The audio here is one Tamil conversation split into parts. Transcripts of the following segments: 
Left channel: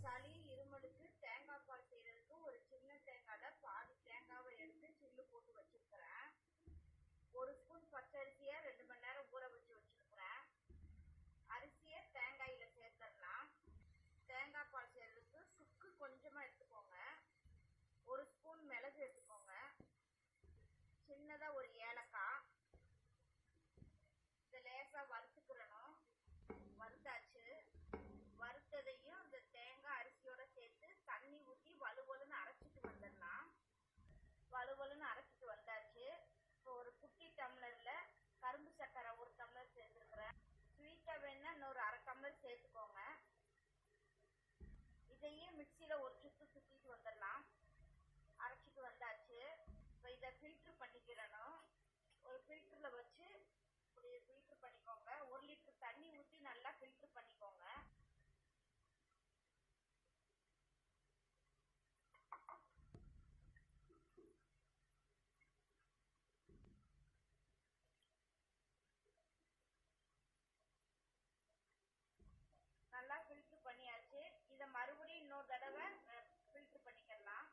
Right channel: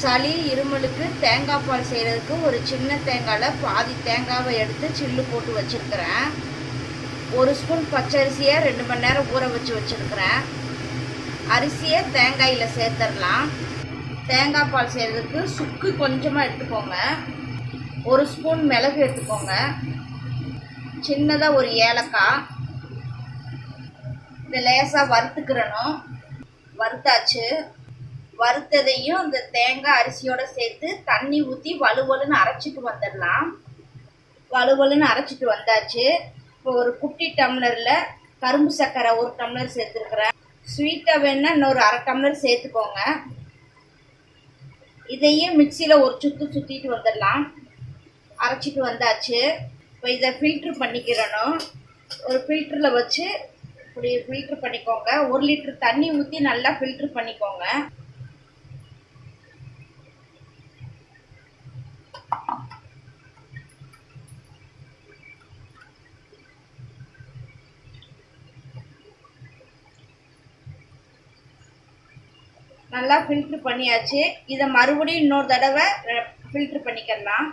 சளி இருமலுக்கு தேங்காய் பால் செய்கிறதுக்கு ஒரு சின்ன தேங்காயில் பாதி தேங்காவை எடுத்து சில்லு போட்டு வச்சுருக்கிறேன். ஒரு ஸ்பூன் பச்சரிசியை ரெண்டு மணி நேரம் ஊற வச்சு வச்சுருக்கிறேன். அரிசியை தேங்காயில் சேர்த்துடலாம் தேங்காய் பால் செய்கிறதுக்கு சுக்கு கொஞ்சமாக எடுத்துக்கோங்க. ஒரு ஸ்பூன் மிளகு எடுத்துக்கோங்க. சின்னதாக ஒரு ஏலக்காய். இதை லேசாக வறுத்துக்கிறணும். வறுத்தாச்சு. வறுத்ததையும் இந்த தேங்காய் அரிசியோட சேர்த்து தண்ணி ஊற்றி வலுவலுன்னு அரைச்சிட்டு வந்துடலாம். வலுவலுன்னு அரைச்சிட்டு வந்தாச்சு. இப்போ ஒரு குட்டி டம்ளரில் கரும்பு சர்க்கரை ஒரு டம்ளர் சேர்த்துருக்குறேன். ஸ்வீட்டாக வேணா இன்னொரு அரை டம்ளர் சேர்த்துக்கோங்க. இதையும் மிக்சியில் ஒரு சுற்று சுற்றிட்டு வந்துடலாம். அரைச்சிட்டு வந்தாச்சு. இப்போ இதை ஃபில்ட்ரு பண்ணிக்கிறணும். ஒரு ஃபில்டரில் வச்சு இப்படி ஃபில்ட்ரு பண்ணிக்கோங்க. ஒரு லிட்டர் தண்ணி ஊற்றி நல்லா ஃபில்ட்ரு பண்ணிக்கோங்க. நல்லா ஃபில்ட்ரு பண்ணியாச்சு. இதை மறுபடியும் இன்னொரு தடவை ஃபில்ட்ரு பண்ணிக்கலாம்.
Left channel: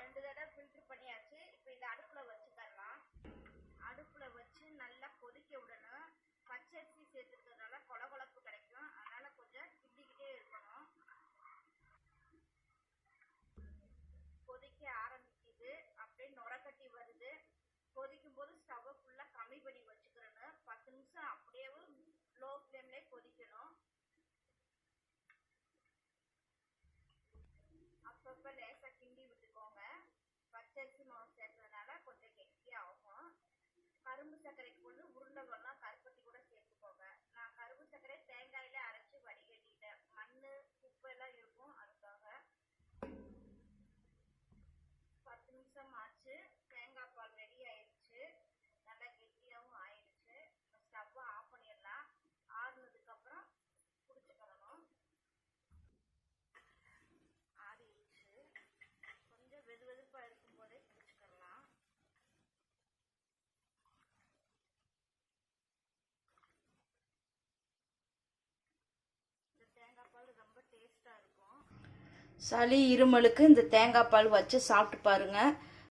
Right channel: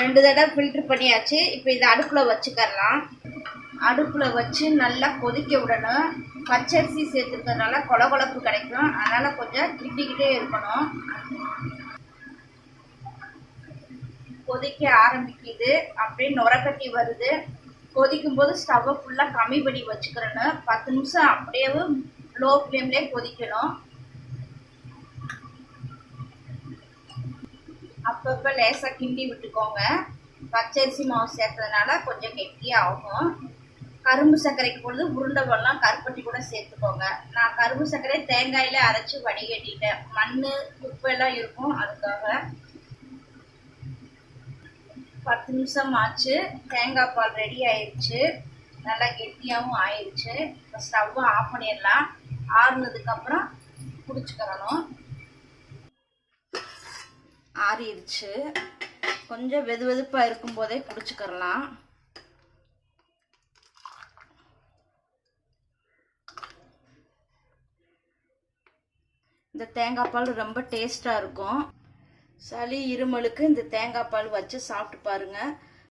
ரெண்டு தடவை ஃபில்ட்ரு பண்ணியாச்சு. இப்போ இதை அடுப்பில் வச்சுக்கரலாம் அடுப்பில் வச்சு நல்லா கொதிக்க விடணும். பச்சரிசி சேர்த்துக்கிறதுனால கொலகொலப்பு கிடைக்கும். அதனால் கொஞ்சம் திட்டிக்கிட்டே இருக்கணும். கொதிக்க ஆரம்பிக்குது. அப்படியே நுரக்கட்டி வருது. கொதிக்கும் போது ஸ்டவ்வை ஃபுல்லாக கம்மி பண்ணி வச்சுக்கிறேன்னு பத்து நிமிஷம் அப்படியே லோ ஃப்ளேம்லேயே கொதிக்கணும். அப்பப்போ லேசாக கிண்டி விட்டுக்கோங்க. பச்சரிசி மாவு சேர்த்ததுனால கொஞ்சம் கெட்டியாக ஆகும். கரும்பு சர்க்கரைக்கு பொழுது உருண்டை வெள்ளம் கருப்பட்டி கூட சேர்த்துக்கோங்க. நான் கரும்பு சர்க்கரை தேங்காயில் அரைச்சி வடிகட்டிட்டேன். மண் குப்பையெல்லாம் இருக்கும் அதுக்காக. பத்து நிமிஷம் ஆச்சு. தேங்காய் பால் ரெடி ஆயிடுச்சு நல்லா கெட்டியாகவும் ஆயிடுச்சு இப்போ ஸ்டவ்வை ஆஃப் பண்ணிடலாம். ஆறுனதுக்கப்புறம் குடிச்சுக்கிறணும் ஆறிடுச்சு. கொஞ்சம் வெது வெதுப்பாக இருக்கும்போதே குடிச்சுக்கிறலாம். இந்த தேங்காய் பால் ரொம்ப டேஸ்ட்டாக இருக்கும். சளி இருமலுக்கு இந்த தேங்காய் பால் வச்சு சாப்பிட்டு பாருங்கள்